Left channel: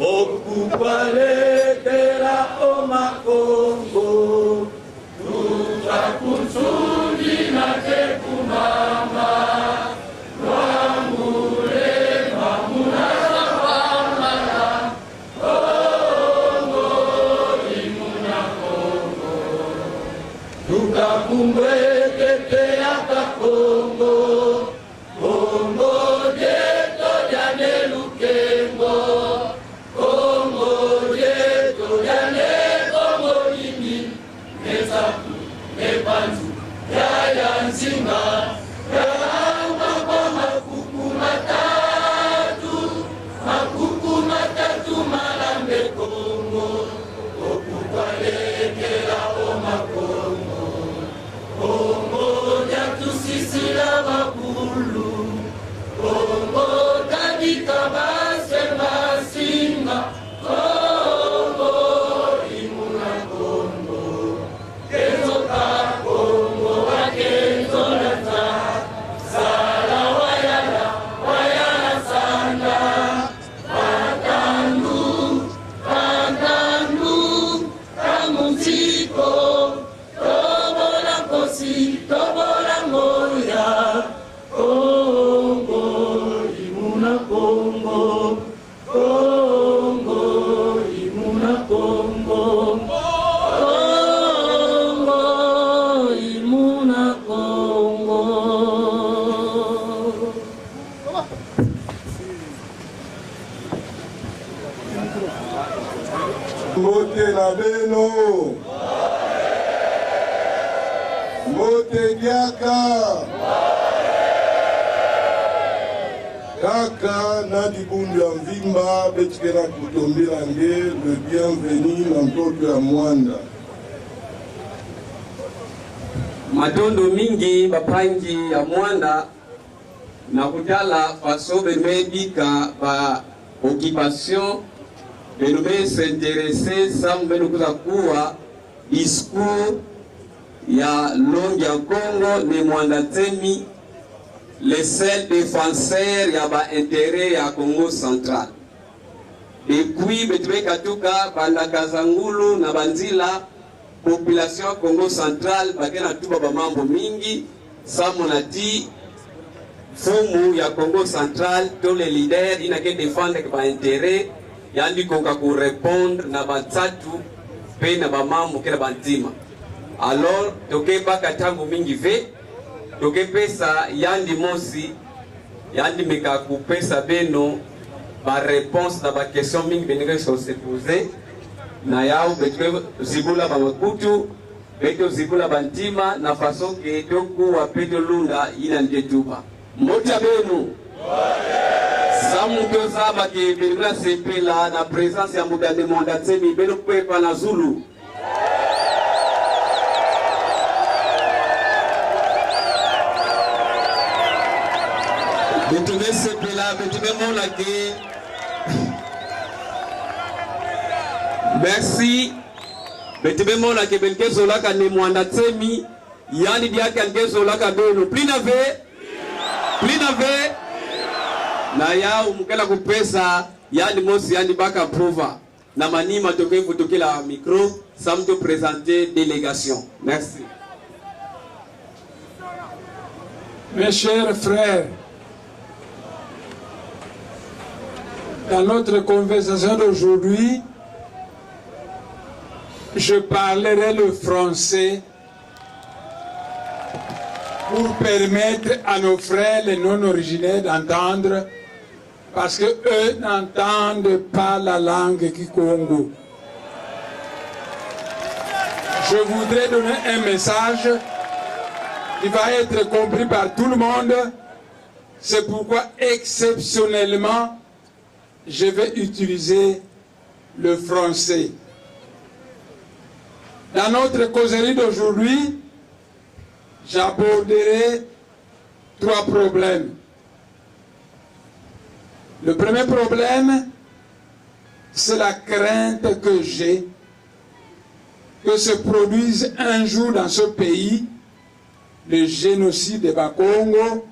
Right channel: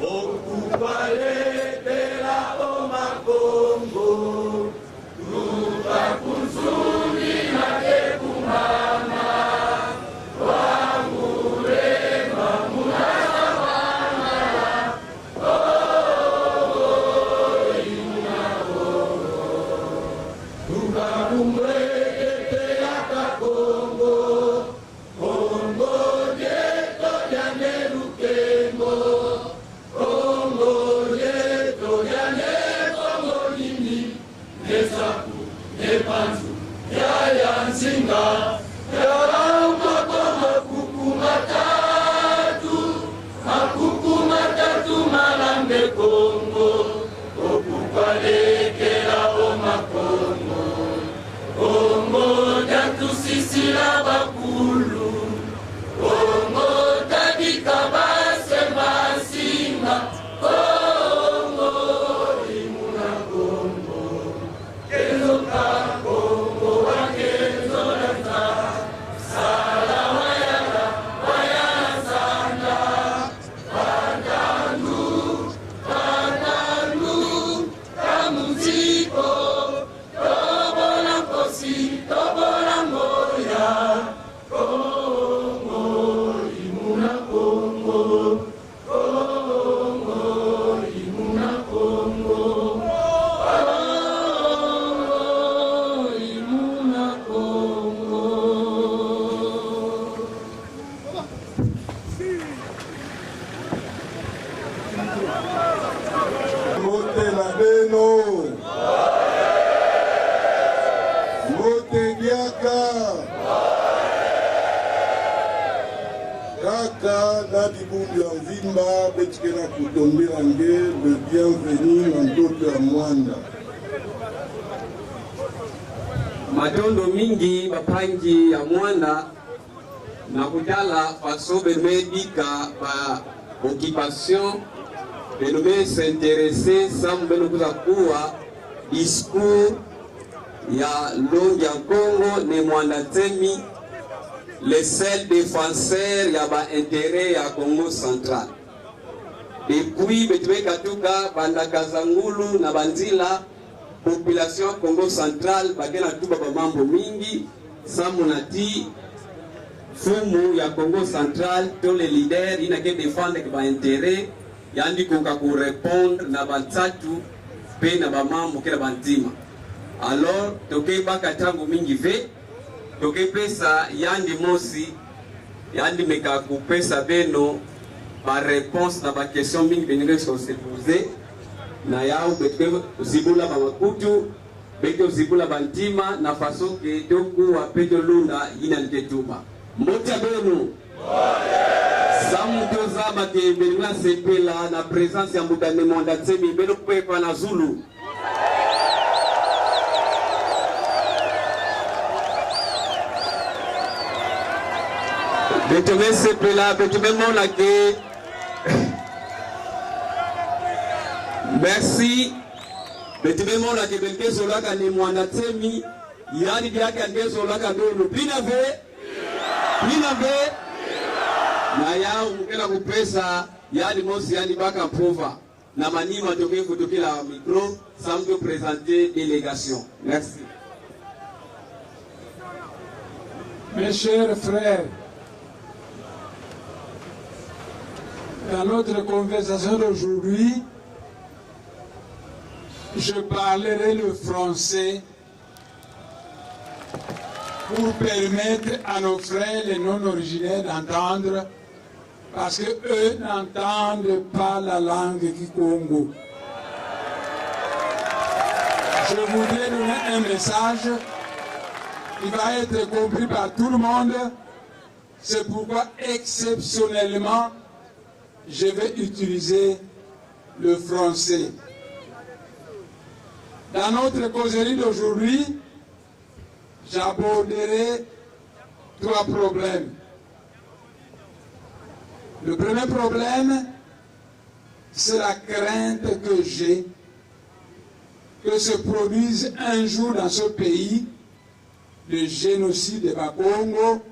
okukwalekela omakongo ruka kusudi nake kunama wamurema munazapamala kongo imuna kongo tukakumbwekete yaka kongo kongo jeto jane lukengo kongo jeto jane kongo lindi nesaku nebantu yaya nsinga yaumaba makuku matatu malambe kongo okukwalekela omakongo kongo jatusisila bakulu kongo tabika base masinga kongo imuna kongo kezoka kongo wakenzo lanta sala wayala sanda patandu kamuziko tobola kosi tobola ngoya kongo imuna kongo kongo imuna kongo kongo imuna kongo. Mbote na beno mbote biaka kaka na kibundi ya mvimba betikela kutombela nge le bienvenu na ntoto ya mwanda madondo mingi bapangi ya mwana na kutala fasobe mebika ba occupation beno be s'intéresser samu beno kuza kuwa discours ya longi ya Congo ne mwanda temi le seul défenseur ya ba intérêt ya Congo central depuis betube katuka balakazangulu na banzila population ya Congo central bakena tuba ba mambo mingi samu na ti fumu ya Congo central to le leader inake défendre ba intérêt yandi konga ku répondre na batatu pe na ba mambo kila bantima alors toke baka tangu mingi ve toke pesa yandi mosi yandi meka ku pesa beno par réponse na ba question mingi benire so se poser na yao betwe zibula ba wakutu beto zibula bantima na façon que doku wa peto lunga ila ndetuba mota beno samu pesa ba ke benira sepela na présence ya mudane monda tsemi beno kwepa na Zulu beteme sepela beteme mona ke merci beteme mona ke belke zola ka ne mwanda tsemi yani dia ka ngezola ka ndono plinave na yao mkela kupesa yani mosi yani baka prova na manima toke kutokela micro samto présenter délégation merci. Mes chers frères, dans notre conversation d'aujourd'hui, je parlerai le français pour permettre à nos frères les non-originaires d'entendre, parce qu'eux n'entendent pas la langue Kikongo. Je voudrais donner un message qui va être compris par tout le monde. C'est pourquoi, exceptionnellement, je vais utiliser le français. Dans notre causerie d'aujourd'hui, j'aborderai 3 problèmes. Le premier problème, c'est la crainte que j'ai que se produise un jour dans ce pays le génocide de Bakongo,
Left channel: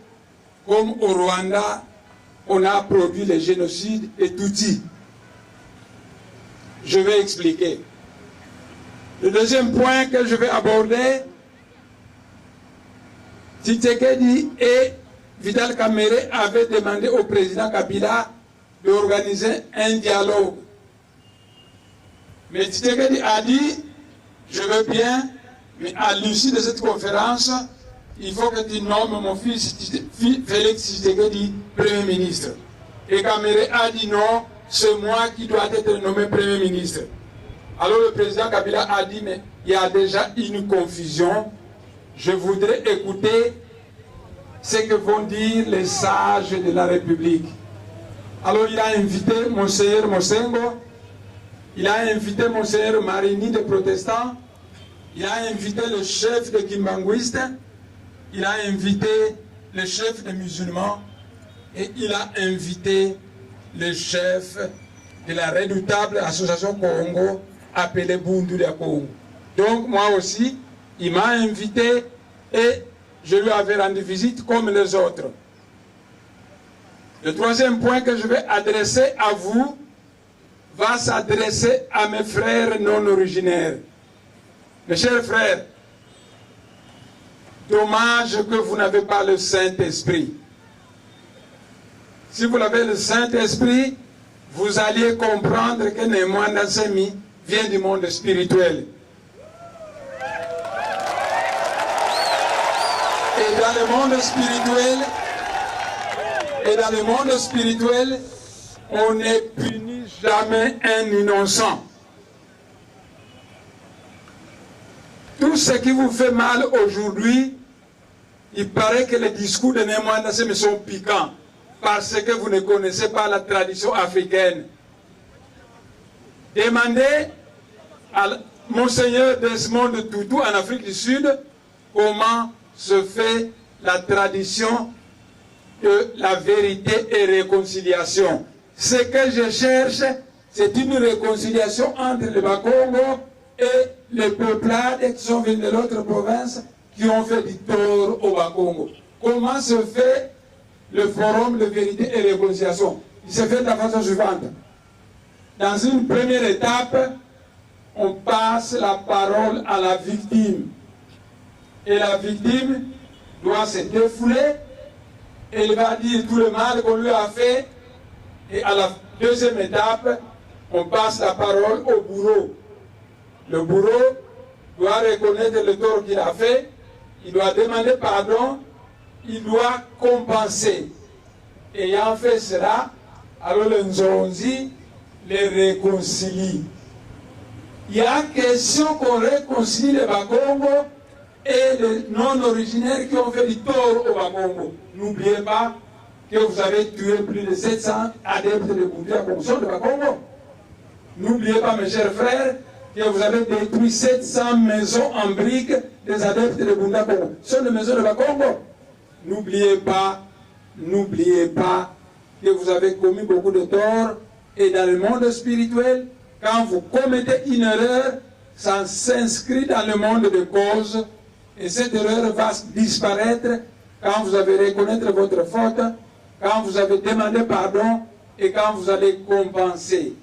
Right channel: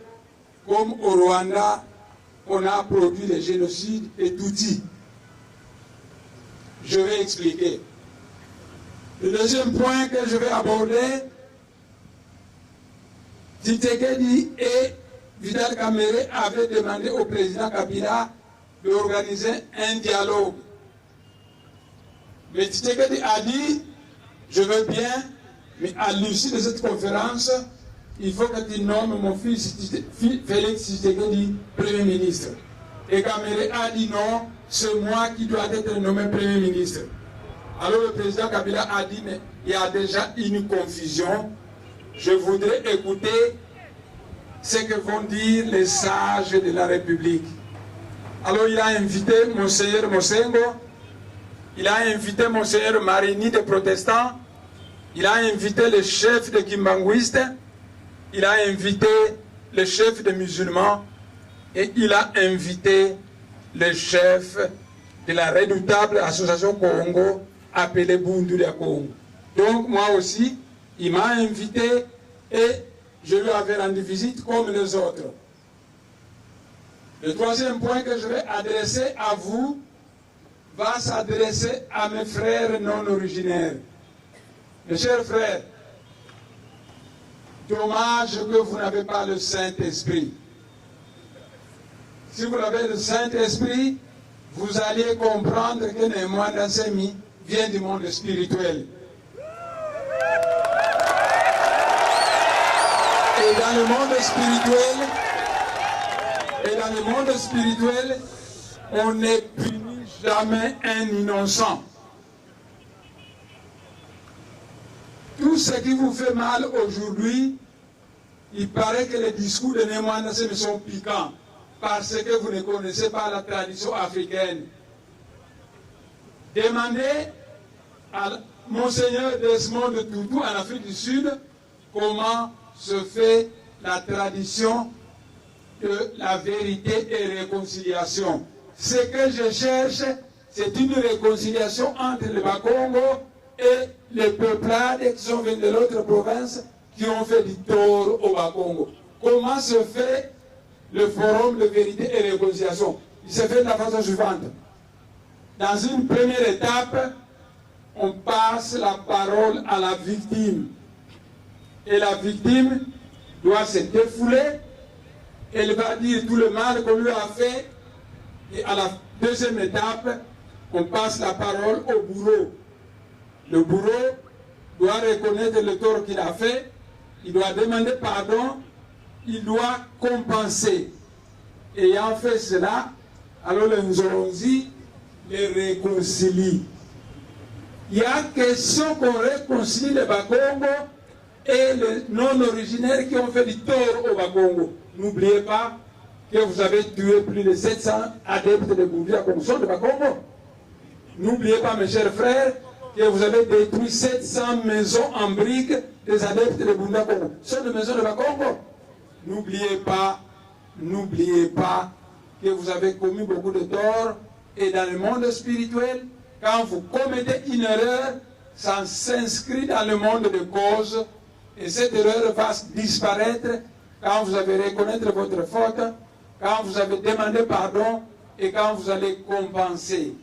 comme au Rwanda, on a produit le génocide de Tutsi. je vais expliquer. Le deuxième point que je vais aborder, Tshisekedi et Vital Kamerhe avaient demandé au président Kabila d'organiser un dialogue. Mais Tshisekedi a dit, je veux bien, mais à l'issue de cette conférence, il faut que tu nommes mon fils Félix Tshisekedi Premier ministre. Et Kamerhe a dit non, c'est moi qui dois être nommé Premier ministre. Alors le président Kabila a dit, mais il y a déjà une confusion. Je voudrais écouter ce que vont dire les sages de la République. Alors il a invité Monseigneur Mosengo, il a invité Monseigneur Marini des protestants, il a invité le chef des Kimbanguistes, il a invité le chef des musulmans et il a invité le chef de la redoutable association Congo appelée Bundu de Congo. Donc moi aussi, il m'a invité et je lui avais rendu visite comme les autres. Le troisième point que je vais adresser à vous va s'adresser à mes frères non originaires. Mes chers frères, dommage que vous n'avez pas le Saint-Esprit. Si vous avez le Saint-Esprit, vous allez comprendre que Némoine Nassemi vient du monde spirituel. Et dans le monde spirituel, on ne punit jamais un innocent. Tout ce qui vous fait mal aujourd'hui, il paraît que les discours de Némoine Nassemi sont piquants parce que vous ne connaissez pas la tradition africaine. Demandez à Monseigneur Desmond Tutu en Afrique du Sud comment se fait la tradition de la vérité et réconciliation. Ce que je cherche, c'est une réconciliation entre le Bas-Congo et les peuplades qui sont venus de l'autre province qui ont fait du tort au Bas-Congo. Comment se fait le forum de vérité et réconciliation? Il se fait de la façon suivante. Dans une première étape, on passe la parole à la victime. Et la victime doit se défouler. Elle va dire tout le mal qu'on lui a fait. Et à la deuxième étape, on passe la parole au bourreau. Le bourreau doit reconnaître le tort qu'il a fait. Il doit demander pardon. Il doit compenser. Ayant fait cela, alors le Nzonzi les réconcilie. Il y a question qu'on réconcilie les Bas-Congo et les non-originaires qui ont fait du tort au Bas-Congo. N'oubliez pas que vous avez tué plus de 700 adeptes de Bouddha Congo de Bas-Congo. N'oubliez pas, mes chers frères, que vous avez détruit 700 maisons en briques des adeptes de Bouddha Congo. Ce sont les maisons de Bas-Congo. N'oubliez pas que vous avez commis beaucoup de torts. Et dans le monde spirituel, quand vous commettez une erreur, ça s'inscrit dans le monde de cause. Et cette erreur va disparaître quand vous allez reconnaître votre faute, quand vous avez demandé pardon et quand vous allez compenser.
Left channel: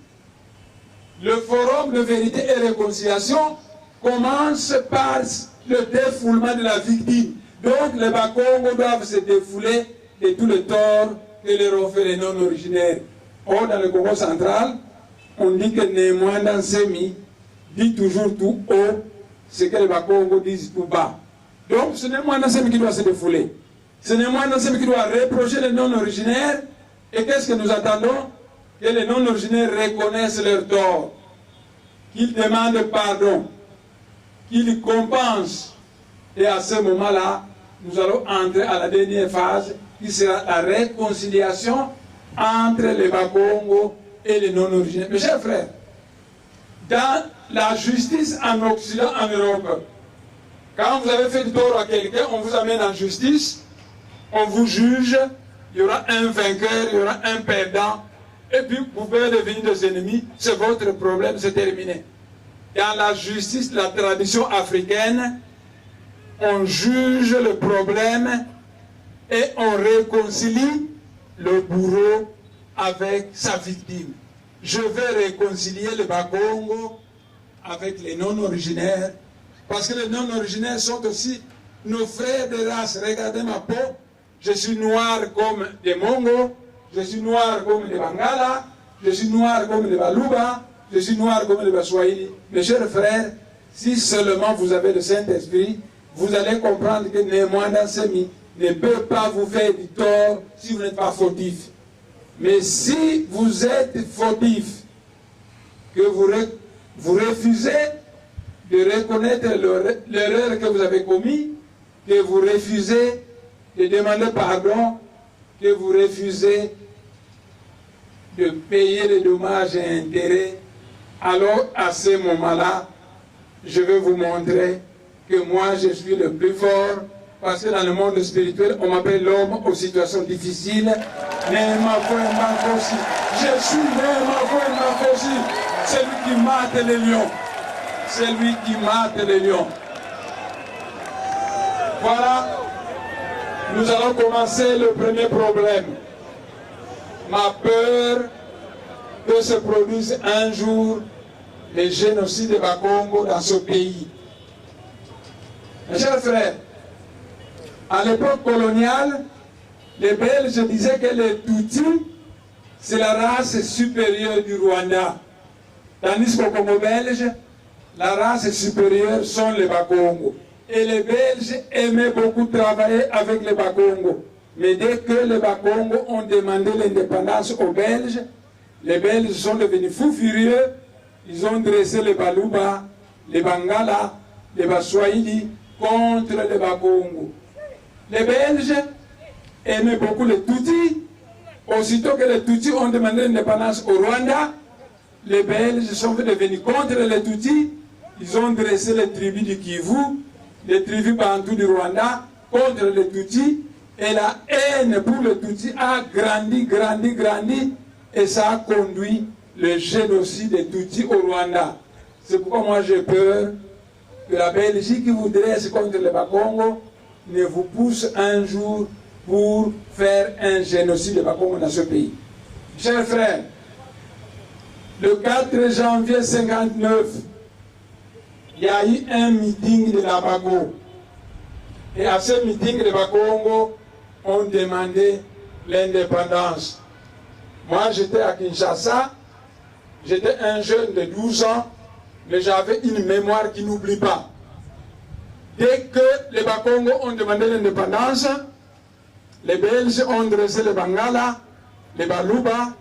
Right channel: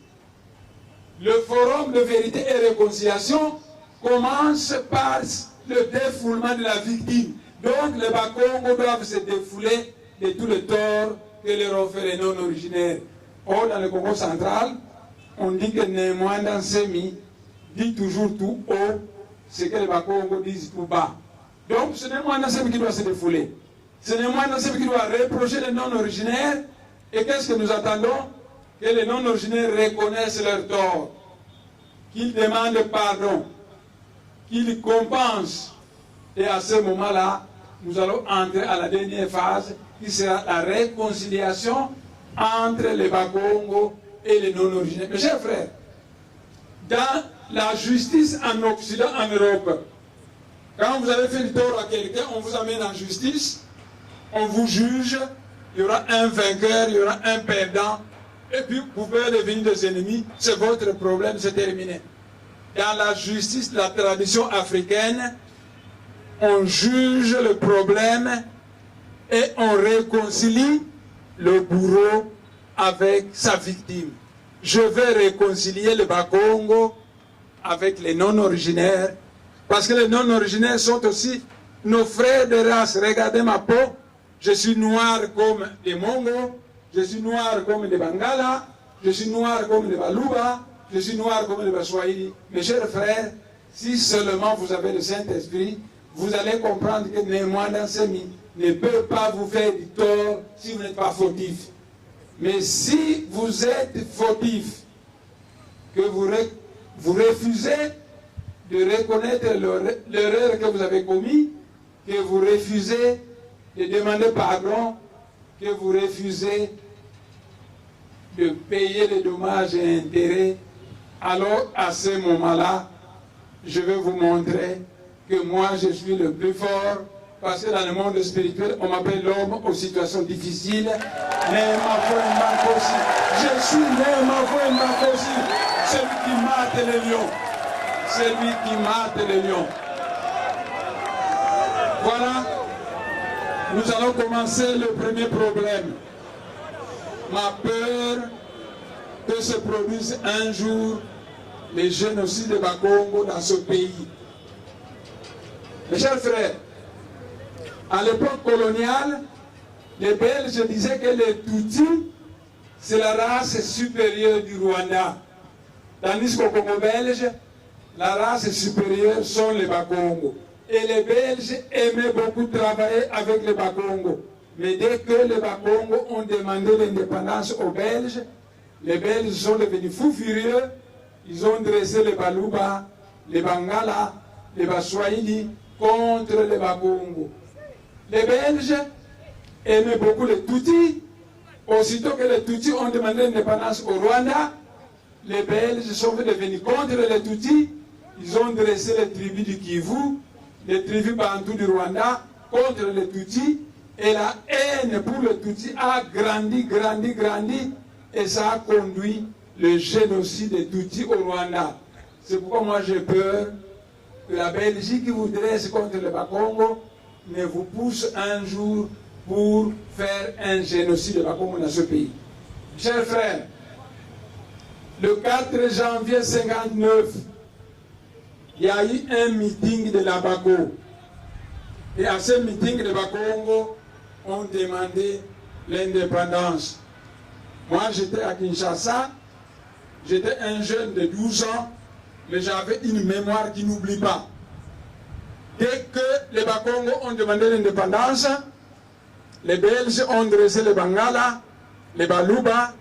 Le forum de vérité et réconciliation commence par le défoulement de la victime. Donc les Bas-Congo doivent se défouler de tous les torts que leur ont fait les non-originaires. Or, dans le Congo central, on dit que Némoine Nassemi dit toujours tout haut ce que les Bas-Congo disent tout bas. Donc, ce n'est Némoine Nassemi qui doit se défouler. Ce n'est Némoine Nassemi qui doit reprocher les non-originaires. Et qu'est-ce que nous attendons? Que les non-originaires reconnaissent leur tort, qu'ils demandent pardon, qu'ils compensent. Et à ce moment-là, nous allons entrer à la dernière phase, qui sera la réconciliation entre les Bas-Congo et les non-originaires. Mes chers frères, dans la justice en Occident, en Europe, quand vous avez fait du tort à quelqu'un, on vous amène en justice, on vous juge, il y aura un vainqueur, il y aura un perdant, et puis vous pouvez devenir des ennemis, c'est votre problème, c'est terminé. Dans la justice, la tradition africaine, on juge le problème et on réconcilie le bourreau avec sa victime. je veux réconcilier le Bakongo avec les non-originaires, parce que les non-originaires sont aussi nos frères de race. Regardez ma peau, je suis noir comme les Mongos, je suis noir comme les Bangala, je suis noir comme les Baluba, je suis noir comme les Baswahili. Mes chers frères, si seulement vous avez le Saint-Esprit, vous allez comprendre que Néhémie Dansemi ne peut pas vous faire du tort si vous n'êtes pas fautif. Mais si vous êtes fautif, que vous refusez de reconnaître l'erreur que vous avez commise, que vous refusez de demander pardon, que vous refusez de payer les dommages et intérêts, alors à ce moment-là, je vais vous montrer que moi je suis le plus fort, parce que dans le monde spirituel, on m'appelle l'homme aux situations difficiles. Je suis aussi celui qui mate les lions. Celui qui mate les lions. Voilà, nous allons commencer le premier problème. Ma peur que se produise un jour le génocide de Bakongo dans ce pays. Mes chers frères, à l'époque coloniale, les Belges disaient que les Tutsis, c'est la race supérieure du Rwanda. Tandis qu'au Congo belge, la race supérieure sont les Bakongo. Et les Belges aimaient beaucoup travailler avec les Bakongo. Mais dès que les Bakongo ont demandé l'indépendance aux Belges, les Belges sont devenus fous furieux. Ils ont dressé les Baluba, les Bangala, les Baswahili contre les Bakongo. Les Belges aimaient beaucoup les Tutsis. Aussitôt que les Tutsis ont demandé l'indépendance au Rwanda, les Belges sont devenus contre les Tutsis. Ils ont dressé les tribus du Kivu, les tribus bantoues du Rwanda contre les Tutsis. Et la haine pour les Tutsis a grandi. Et ça a conduit le génocide des Tutsis au Rwanda. C'est pourquoi moi j'ai peur que la Belgique qui vous dresse contre les Bakongo ne vous pousse un jour pour faire un génocide de Bakongo dans ce pays. Chers frères, le 4 janvier 1959, il y a eu un meeting de la Bago. Et à ce meeting de Bakongo, on demandait l'indépendance. Moi, j'étais à Kinshasa, j'étais un jeune de 12 ans, mais j'avais une mémoire qui n'oublie pas. Dès que les Bakongo ont demandé l'indépendance, les Belges ont dressé les Bangala, les Baluba,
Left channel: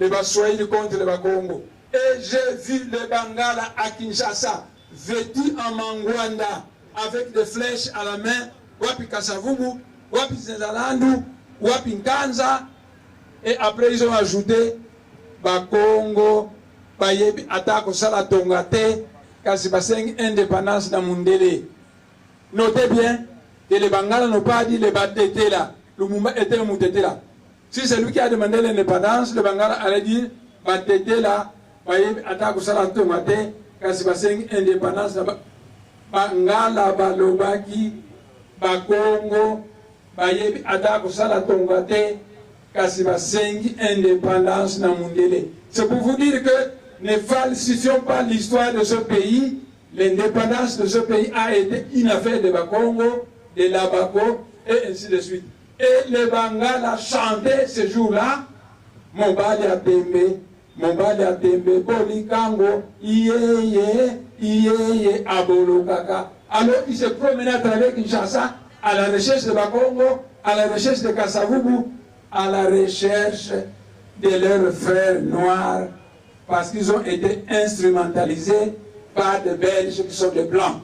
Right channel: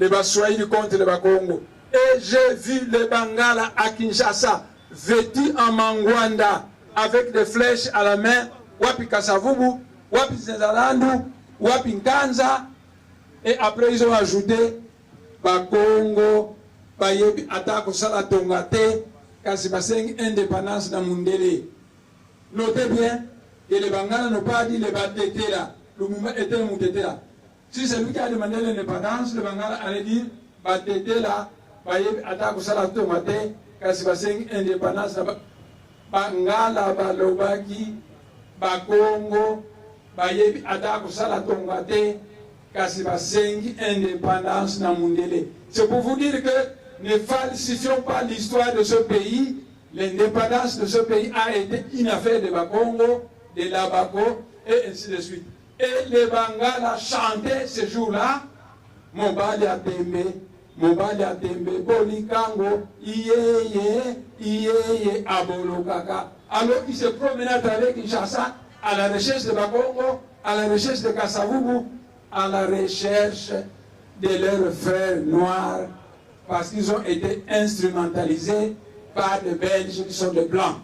les Baswahili contre les Bakongo. Et j'ai vu les Bangala à Kinshasa, vêtus en mangwanda, avec des flèches à la main, wapi Kasavubu, wapi Zenzalandu, wapi Nkanza. Et après ils ont ajouté Bakongo, Bayebi Atako Salatongate, kasi basengi indépendance dans Mundele. Notez bien que les Bangala n'ont pas dit les Batete là, le mouvement était le Moutete là. Si c'est lui qui a demandé l'indépendance, le Bangala allait dire Batete là, Bayebi Atako Salatongate, kasi basengi indépendance dans Bangala balobaki, Bakongo, Bayebi Atako Salatongate, kasi basengi indépendance dans Mundele. C'est pour vous dire que ne falsifions pas l'histoire de ce pays. L'indépendance de ce pays a été une affaire de Bakongo, de la Bako, et ainsi de suite. Et les Bangala chantaient ce jour-là, Mobali Atembe, Bolikango, Iye, Abolokaka. Alors ils se promenaient à travers Kinshasa à la recherche de Bakongo, à la recherche de Kasavubu, à la recherche de leurs frères noirs, parce qu'ils ont été instrumentalisés par des Belges qui sont des Blancs.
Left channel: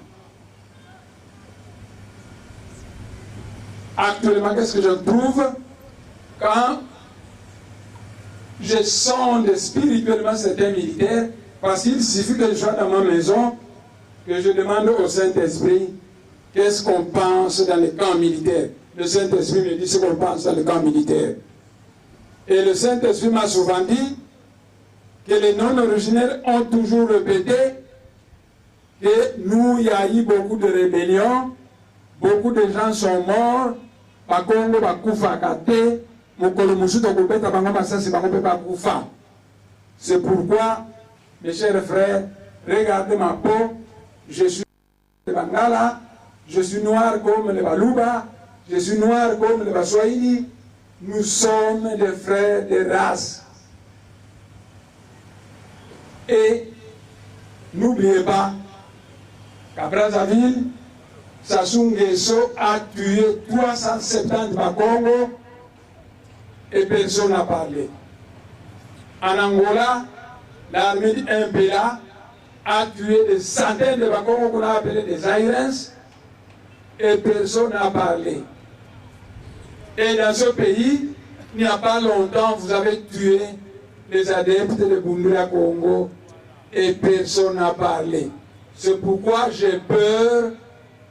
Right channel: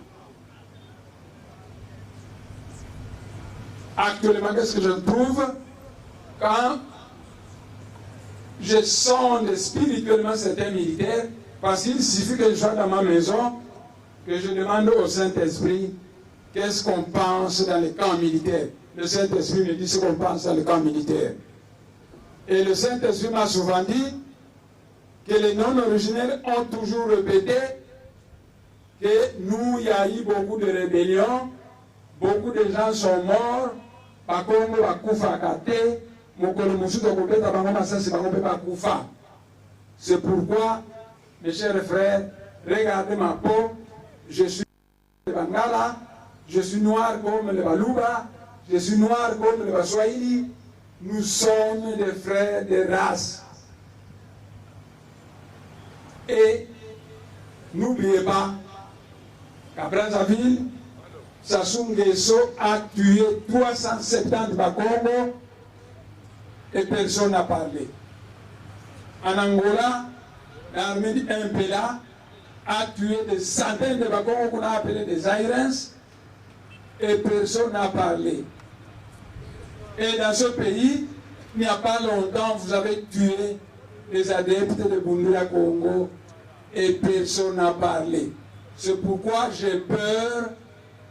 Actuellement, qu'est-ce que je trouve quand je sonde spirituellement certains militaires, parce qu'il suffit que je sois dans ma maison, que je demande au Saint-Esprit qu'est-ce qu'on pense dans les camps militaires. Le Saint-Esprit me dit ce qu'on pense dans les camps militaires. Et le Saint-Esprit m'a souvent dit que les non-originaires ont toujours répété que nous, il y a eu beaucoup de rébellions, beaucoup de gens sont morts, Bakongo bakufa kate, mokolo musuto kopeta bango masasi bango pe bakufa. C'est pourquoi, mes chers frères, regardez ma peau, je suis de Bangala, je suis noir comme les Baluba, je suis noir comme les Baswahili, nous sommes des frères de race. Et n'oubliez pas qu'à Brazzaville, Sassou Nguesso a tué 370 Bakongo et personne n'a parlé. En Angola, l'armée du MPLA a tué des centaines de Bakongo qu'on a appelés des Airens et personne n'a parlé. Et dans ce pays, il n'y a pas longtemps, vous avez tué les adeptes de Bundula Congo et personne n'a parlé. C'est pourquoi j'ai peur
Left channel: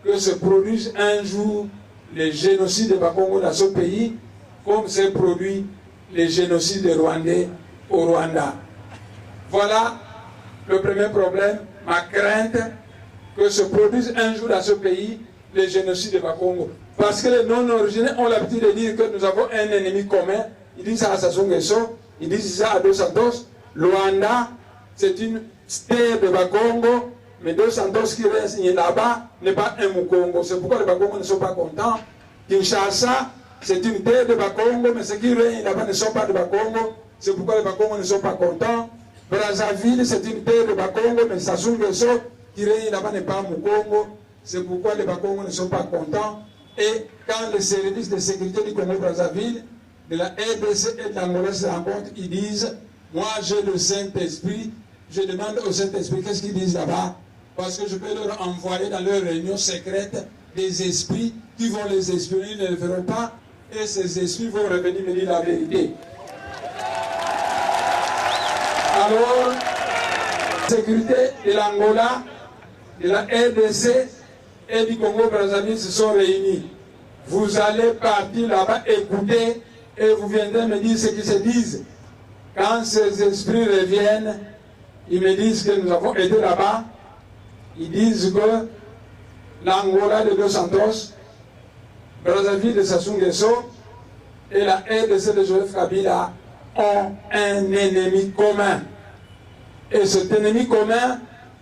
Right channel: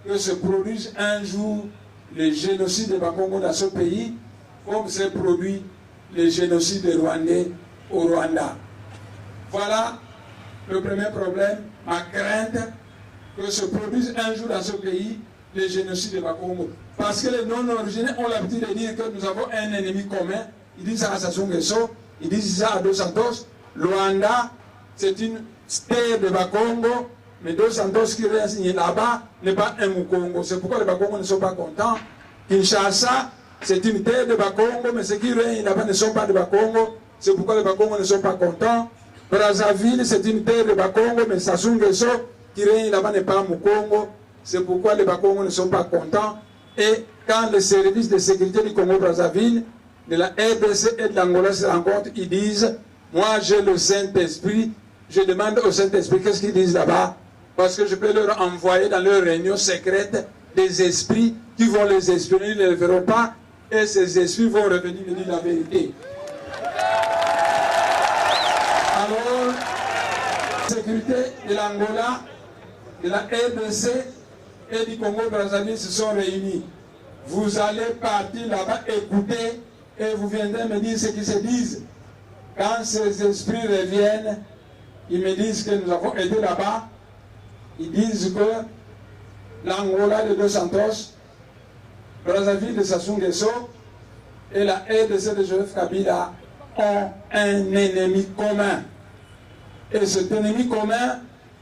que se produise un jour le génocide de Bakongo dans ce pays, comme s'est produit le génocide des Rwandais au Rwanda. Voilà le premier problème, ma crainte que se produise un jour dans ce pays le génocide de Bakongo. Parce que les non-originaires ont l'habitude de dire que nous avons un ennemi commun. Ils disent ça à Sassou Nguesso, ils disent ça à Dos Santos. Luanda, c'est une terre de Bakongo, mais Dos Santos qui vient signer là-bas n'est pas un Mukongo. C'est pourquoi les Bakongos ne sont pas contents. Kinshasa, c'est une terre de Bakongo, mais ceux qui règnent là-bas ne sont pas de Bakongo. C'est pourquoi les Bakongos ne sont pas contents. Brazzaville, c'est une terre de Bakongo, mais Sassou Nguesso qui règne là-bas n'est pas Mukongo. C'est pourquoi les Bakongos ne sont pas contents. Et quand les services de sécurité du Congo-Brazzaville, de la RDC et de l'Angola se rencontrent, ils disent, moi j'ai le Saint-Esprit, je demande au Saint-Esprit qu'est-ce qu'ils disent là-bas, parce que je peux leur envoyer dans leur réunion secrète des esprits qui vont les espionner, ils ne le feront pas, et ces esprits vont revenir me dire la vérité. Alors, la sécurité de l'Angola, de la RDC et du Congo-Brazzaville se sont réunis. Vous allez partir là-bas écouter et vous viendrez me dire ce qu'ils se disent. Quand ces esprits reviennent, ils me disent que nous avons été là-bas. Ils disent que l'Angola de Dos Santos, Brazzaville de Sassou Nguesso et la RDC de Joseph Kabila ont un ennemi commun. Et cet ennemi commun,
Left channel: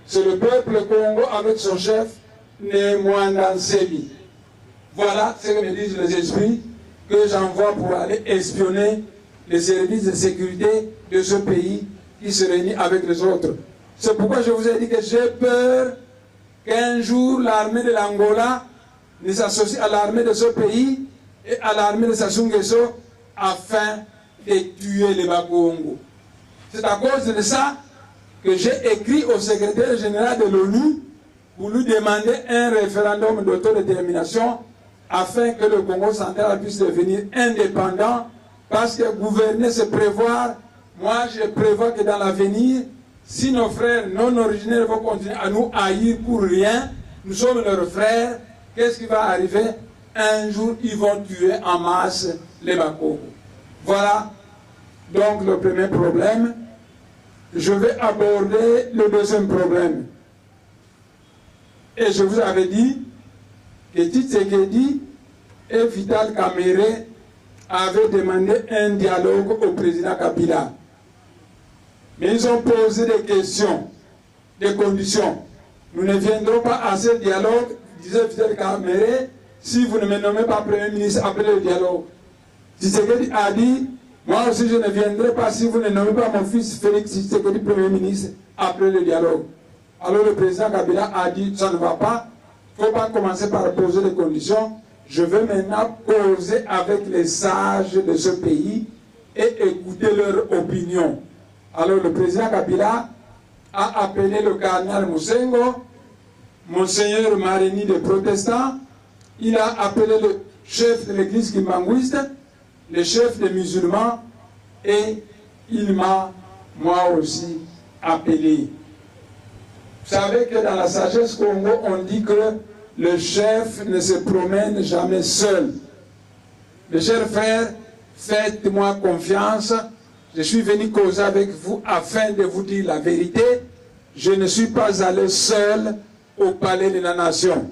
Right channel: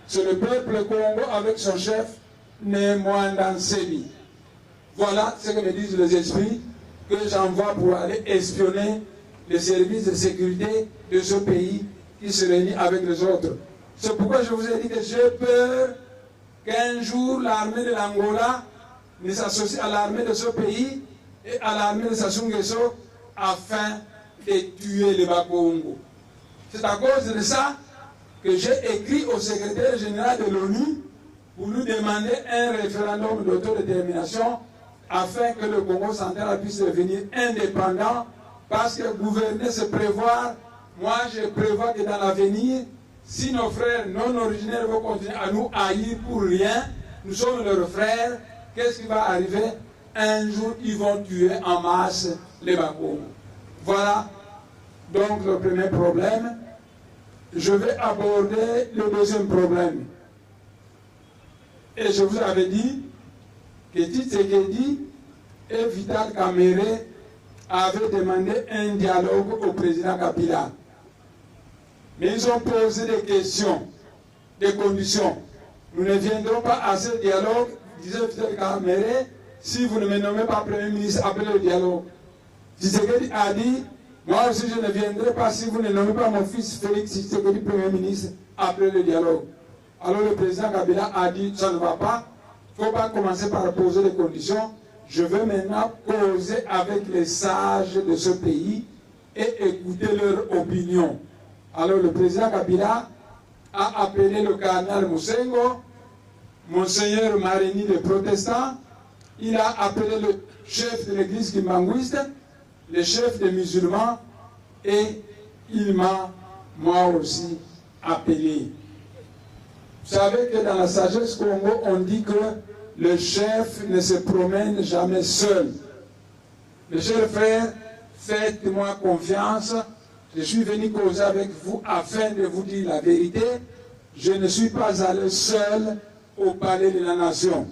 c'est le peuple Congo avec son chef, Némouanga Nsebi. Voilà ce que me disent les esprits que j'envoie pour aller espionner les services de sécurité de ce pays qui se réunit avec les autres. C'est pourquoi je vous ai dit que j'ai peur qu'un jour l'armée de l'Angola ne s'associe à l'armée de ce pays et à l'armée de Sassou Nguesso afin de tuer les Bakongo. C'est à cause de ça que j'ai écrit au secrétaire général de l'ONU pour lui demander un référendum d'autodétermination afin que le Congo central puisse devenir indépendant, parce que gouverner c'est prévoir. Moi je prévois que dans l'avenir, si nos frères non originaires vont continuer à nous haïr pour rien, nous sommes leurs frères, qu'est-ce qui va arriver? Un jour ils vont tuer en masse les Bakongo. Voilà donc le premier problème. Je vais aborder le deuxième problème. Et je vous avais dit que Tshisekedi et Vital Kamerhe avaient demandé un dialogue au président Kabila. Mais ils ont posé des questions, des conditions. Nous ne viendrons pas à ce dialogue, disait Vital Kamerhe, si vous ne me nommez pas Premier ministre après le dialogue. Tshisekedi a dit, moi aussi je ne viendrai pas si vous ne nommez pas mon fils Félix Tshisekedi Premier ministre après le dialogue. Alors le président Kabila a dit, ça ne va pas, il ne faut pas commencer par poser des conditions. Je veux maintenant causer avec les sages de ce pays et écouter leur opinion. Alors le président Kabila a appelé le cardinal Moussengo, Monseigneur Marini le protestant, il a appelé le chef de l'église kimbanguiste, le chef des musulmans, et il m'a, moi aussi, appelé. Vous savez que dans la sagesse Congo, on dit que le chef ne se promène jamais seul. Mes chers frères, faites-moi confiance. Je suis venu causer avec vous afin de vous dire la vérité. Je ne suis pas allé seul au palais de la nation.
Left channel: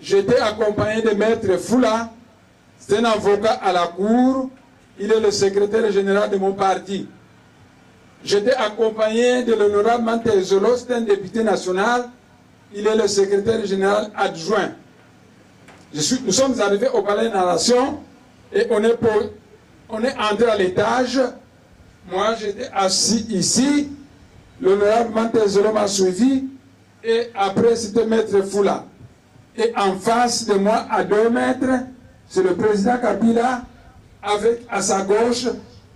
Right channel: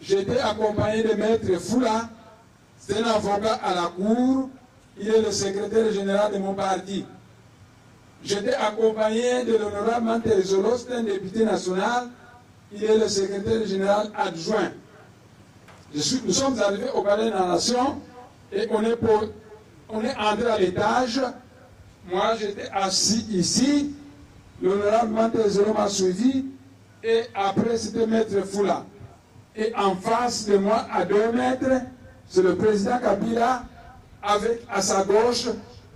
J'étais accompagné de Maître Foula. C'est un avocat à la cour. Il est le secrétaire général de mon parti. J'étais accompagné de l'honorable Mantelzolo, c'est un député national. Il est le secrétaire général adjoint. Nous sommes arrivés au Palais de la Nation et on est entré à l'étage. Moi, j'étais assis ici. L'honorable Mantelzolo m'a suivi. Et après, c'était Maître Foula. Et en face de moi, à 2 mètres, c'est le président Kabila, avec à sa gauche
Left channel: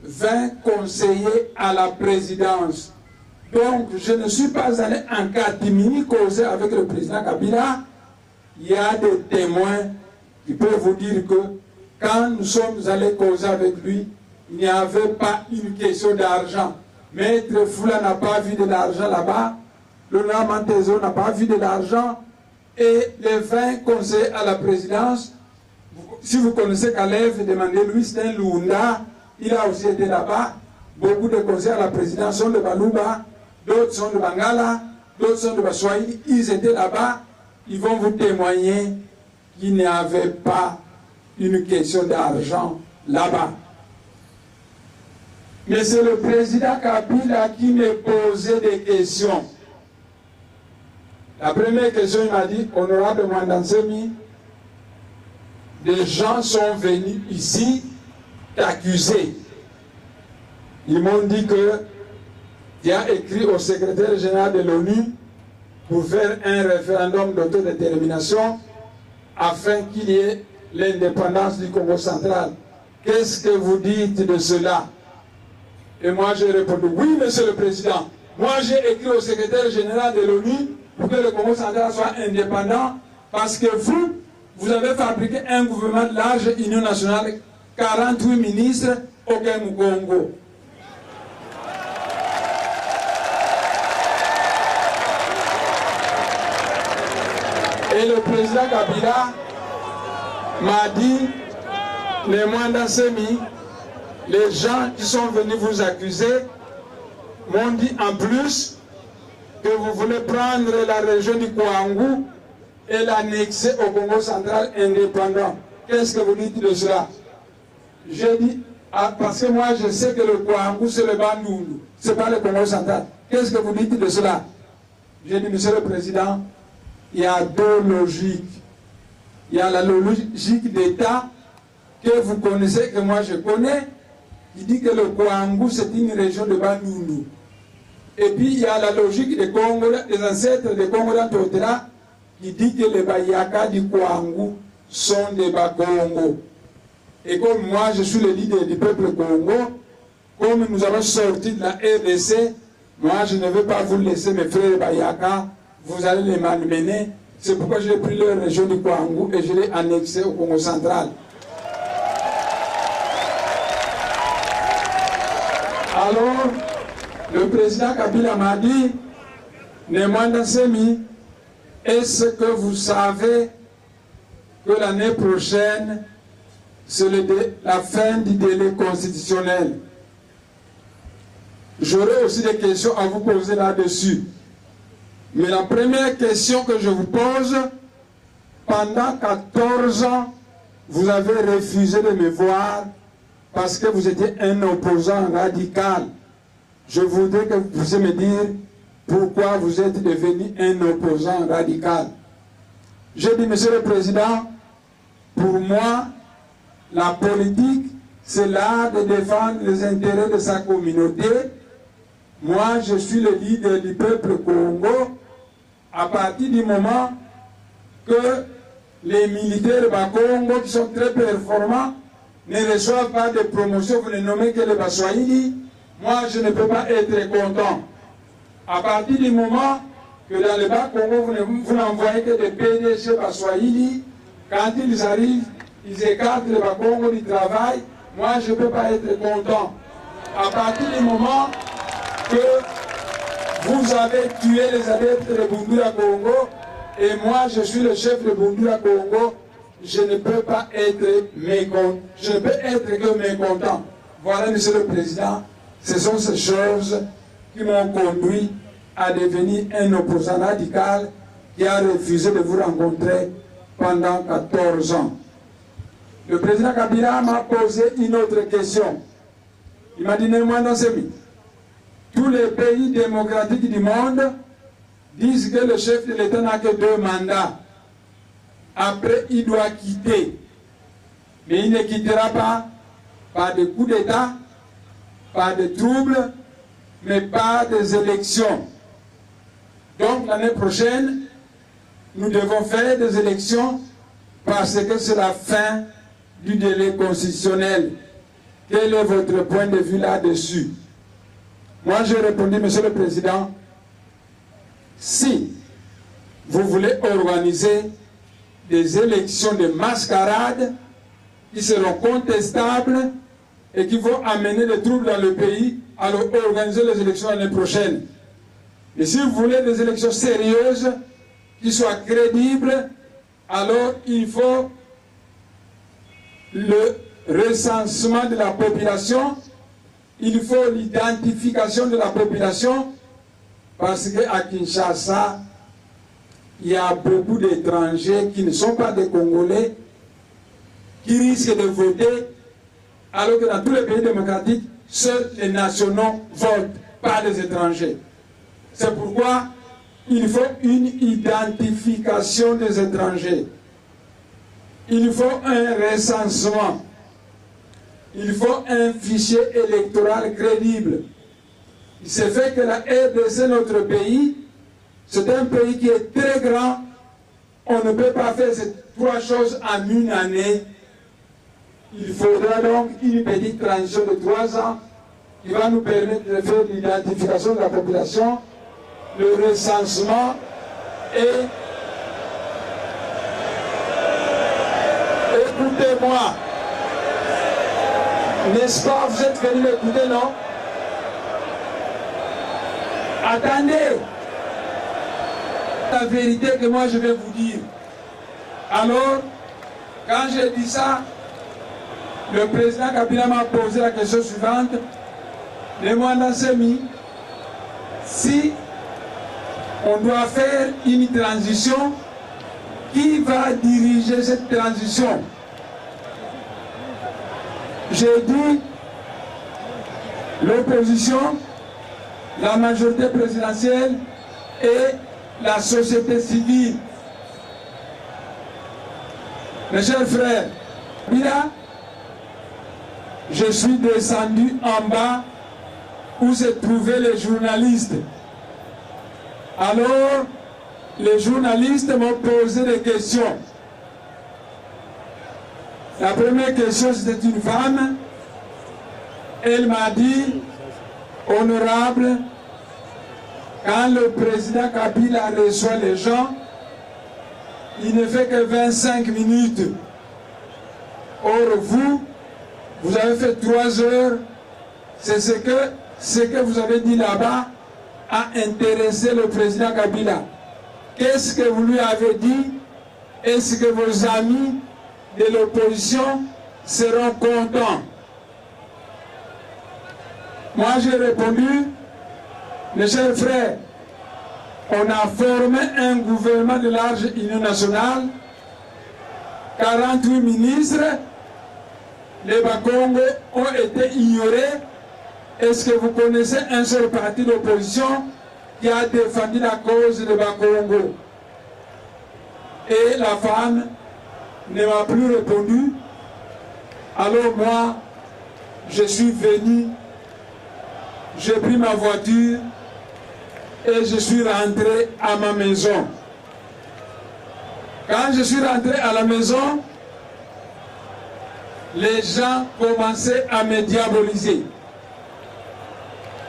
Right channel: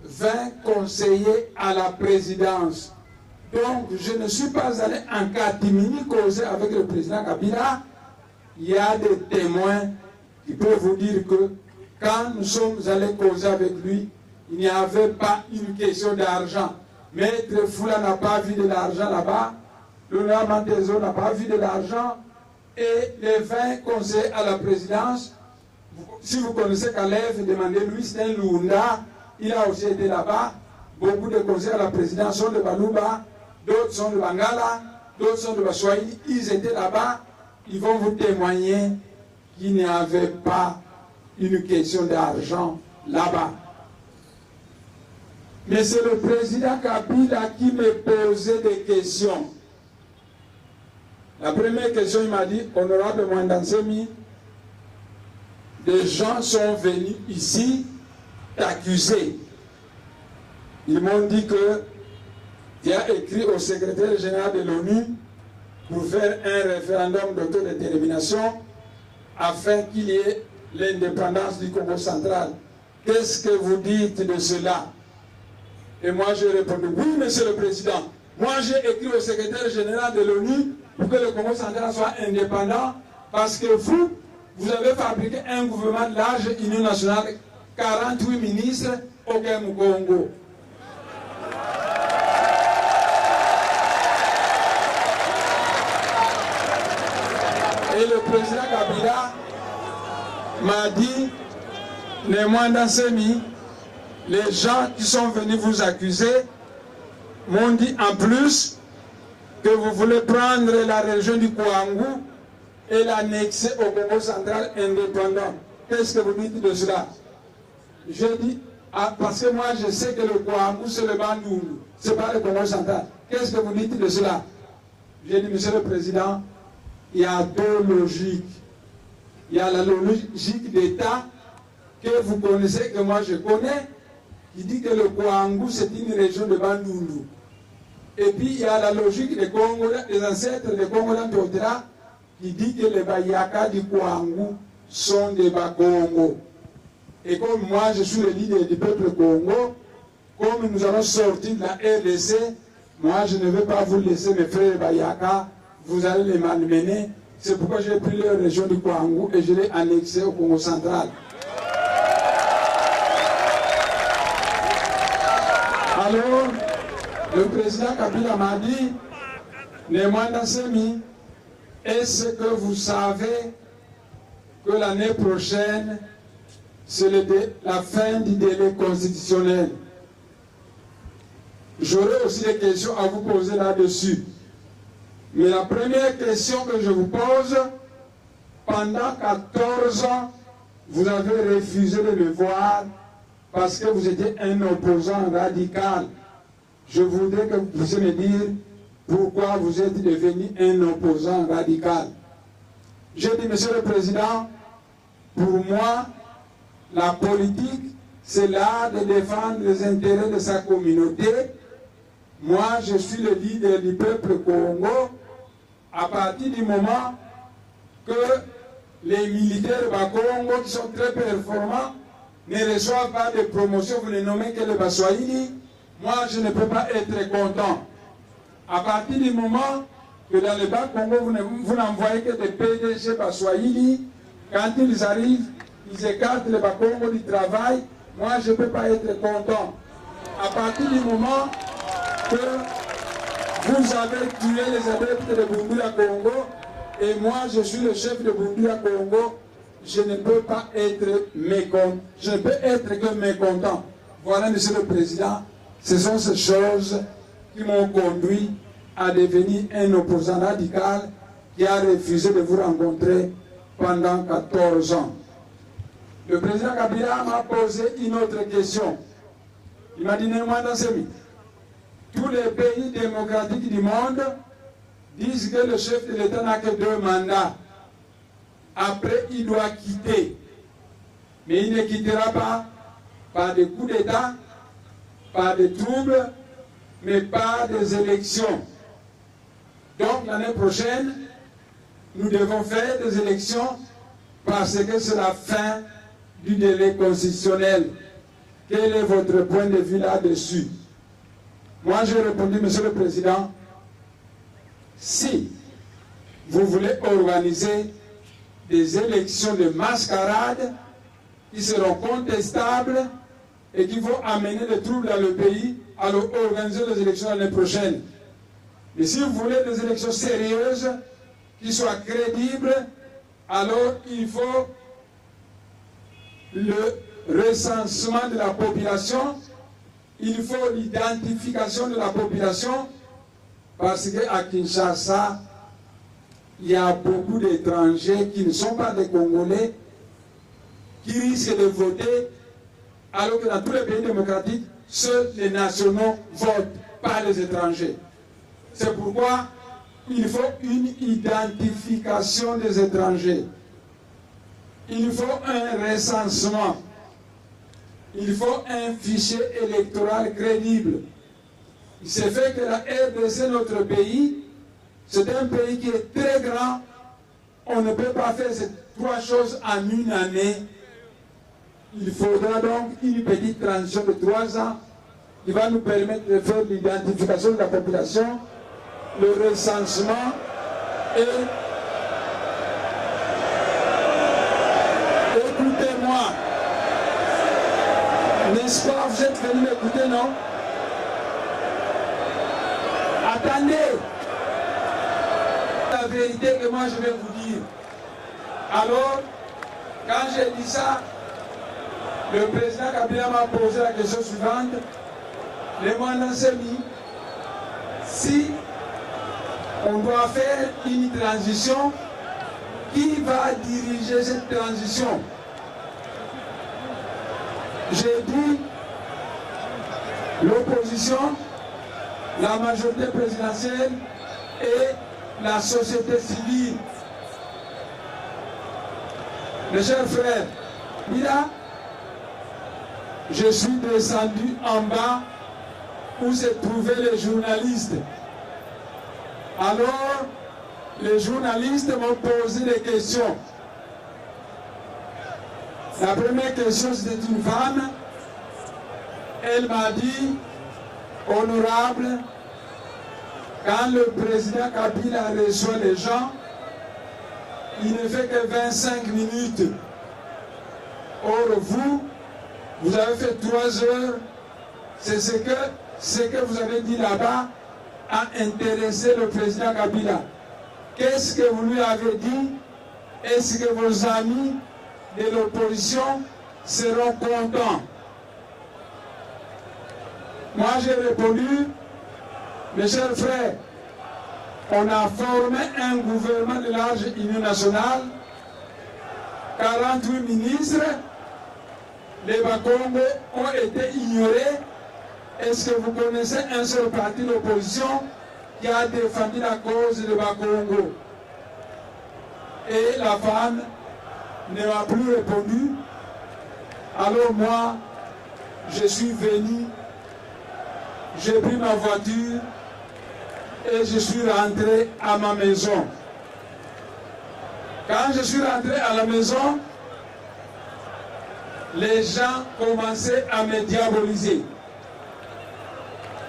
20 conseillers à la présidence. Donc, je ne suis pas allé en catimini causer avec le président Kabila. Il y a des témoins qui peuvent vous dire que quand nous sommes allés causer avec lui, il n'y avait pas une question d'argent. Maître Foula n'a pas vu de l'argent là-bas. L'honorable Mantelzolo n'a pas vu de l'argent. Et les 20 conseillers à la présidence, si vous connaissez Caleb, demandez-lui, c'est un Lunda. Il a aussi été là-bas. Beaucoup de conseillers à la présidence sont de Baluba, d'autres sont de Bangala, d'autres sont de Baswahili. Ils étaient là-bas. Ils vont vous témoigner qu'il n'y avait pas une question d'argent là-bas. Mais c'est le président Kabila qui me posait des questions. La première question, il m'a dit, honorable Mwandansemi, des gens sont venus ici t'accuser. Ils m'ont dit que tu as écrit au secrétaire général de l'ONU pour faire un référendum d'autodétermination afin qu'il y ait l'indépendance du Congo central. Qu'est-ce que vous dites de cela? Et moi j'ai répondu, oui monsieur le président, moi j'ai écrit au secrétaire général de l'ONU pour que le Congo central soit indépendant, parce que vous avez fabriqué un gouvernement large, Union nationale, 48 ministres, aucun Congo. Et le président Kabila m'a dit, mais moi Mwandansemi, les gens qui sont venus vous accuser m'ont dit en plus que vous voulez prendre la région du Kouangou et l'annexer au Congo central indépendant. Qu'est-ce que vous dites de cela? J'ai dit, parce que moi je sais que le Kouangou c'est le Bandundu, c'est pas le Congo central. Qu'est-ce que vous dites de cela? J'ai dit, monsieur le président, il y a 2 logiques. Il y a la logique d'État que vous connaissez, que moi je connais, qui dit que le Kouangou c'est une région de Bandundu. Et puis il y a la logique des Congola, des ancêtres des Congola Todra, qui dit que les Bayaka du Kouangou sont des Bakongo. Et comme moi je suis le leader du peuple Congo, comme nous avons sorti de la RDC, moi je ne veux pas vous laisser mes frères Bayaka, vous allez les malmener. C'est pourquoi j'ai pris la région du Kouangou et je l'ai annexé au Congo central. Alors, le président Kabila m'a dit, Mwandansemi, est-ce que vous savez que l'année prochaine, c'est la fin du délai constitutionnel? J'aurai aussi des questions à vous poser là-dessus. Mais la première question que je vous pose, pendant 14 ans, vous avez refusé de me voir parce que vous étiez un opposant radical. Je voudrais que vous puissiez me dire pourquoi vous êtes devenu un opposant radical. Je dis, monsieur le président, pour moi, la politique, c'est l'art de défendre les intérêts de sa communauté. Moi, je suis le leader du peuple Congo. À partir du moment que les militaires Bakongo, qui sont très performants, ne reçoivent pas de promotion, vous ne nommez que les Baswahili, moi je ne peux pas être content. À partir du moment que dans le Bas-Congo, vous n'envoyez que des PDG Baswahili, quand ils arrivent, ils écartent le Bas-Congo du travail, moi je ne peux pas être content. À partir du moment que vous avez tué les adeptes de Bundula Congo, et moi je suis le chef de Bundula Congo, je ne peux pas être mécontent. Je ne peux être que mécontent. Voilà, monsieur le président, ce sont ces choses qui m'ont conduit à devenir un opposant radical qui a refusé de vous rencontrer pendant 14 ans. Le président Kabila m'a posé une autre question. Il m'a dit, Mwandansemi, tous les pays démocratiques du monde disent que le chef de l'État n'a que 2 mandats. Après, il doit quitter. Mais il ne quittera pas par des coups d'État, par des troubles, mais par des élections. Donc l'année prochaine, nous devons faire des élections parce que c'est la fin du délai constitutionnel. Quel est votre point de vue là-dessus? Moi, je répondis, Monsieur le Président, si vous voulez organiser des élections de mascarade qui seront contestables et qui vont amener des troubles dans le pays, alors organisez les élections l'année prochaine. Mais si vous voulez des élections sérieuses, qui soient crédibles, alors il faut le recensement de la population, il faut l'identification de la population, parce qu'à Kinshasa, il y a beaucoup d'étrangers qui ne sont pas des Congolais, qui risquent de voter, alors que dans tous les pays démocratiques, seuls les nationaux votent, pas les étrangers. C'est pourquoi il faut une identification des étrangers. Il faut un recensement. Il faut un fichier électoral crédible. Il s'est fait que la RDC, notre pays, c'est un pays qui est très grand. On ne peut pas faire ces 3 choses en une année. Il faudra donc une petite transition de 3 ans qui va nous permettre de faire l'identification de la population, le recensement et... Écoutez-moi. N'est-ce pas, vous êtes venus l'écouter, non? Attendez. La vérité que moi je vais vous dire. Alors, quand j'ai dit ça, le président Kabila m'a posé la question suivante. Les mois semi, si on doit faire une transition, qui va diriger cette transition? J'ai dit l'opposition, la majorité présidentielle et la société civile. Mes chers frères, là, je suis descendu en bas où se trouvaient les journalistes. Alors, les journalistes m'ont posé des questions. La première question, c'était une femme. Elle m'a dit, honorable, quand le président Kabila reçoit les gens, il ne fait que 25 minutes. Or, vous avez fait 3 heures. C'est ce que vous avez dit là-bas a intéressé le président Kabila. Qu'est-ce que vous lui avez dit? Est-ce que vos amis de l'opposition seront contents? Moi, j'ai répondu, mes chers frères, on a formé un gouvernement de large union nationale, 48 ministres, les Bakongo ont été ignorés. Est-ce que vous connaissez un seul parti d'opposition qui a défendu la cause de Bakongo? Et la femme ne m'a plus répondu. Alors moi, je suis venu, j'ai pris ma voiture et je suis rentré à ma maison. Quand je suis rentré à la maison, les gens commençaient à me diaboliser.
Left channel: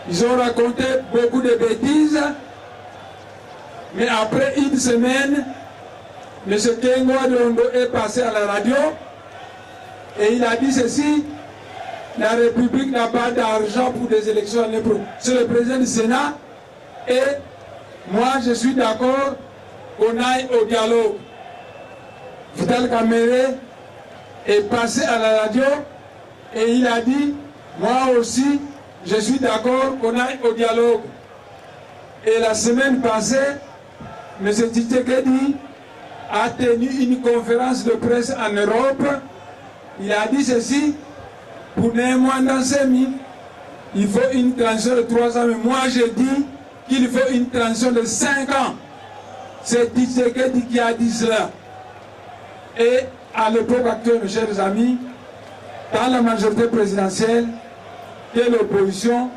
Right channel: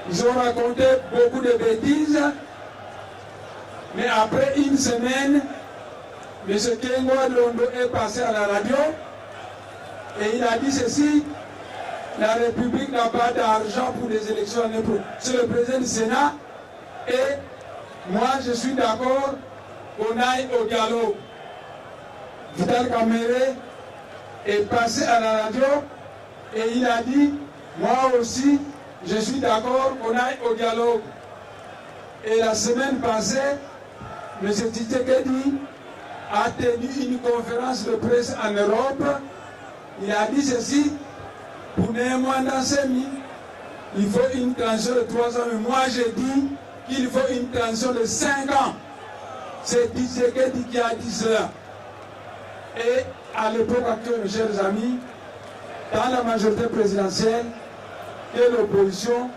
Ils ont raconté beaucoup de bêtises, mais après une semaine, M. Kengwa Londo est passé à la radio et il a dit ceci: la République n'a pas d'argent pour des élections. C'est le président du Sénat et moi je suis d'accord qu'on aille au dialogue. Vital Kamerhe est passé à la radio et il a dit, moi aussi je suis d'accord qu'on aille au dialogue. Et la semaine passée, M. Tshisekedi a tenu une conférence de presse en Europe. Il a dit ceci: pour Némouanda Semi, il faut une transition de 3 ans, mais moi je dis qu'il faut une transition de 5 ans. C'est Tshisekedi qui a dit cela. Et à l'époque actuelle, mes chers amis, dans la majorité présidentielle, que l'opposition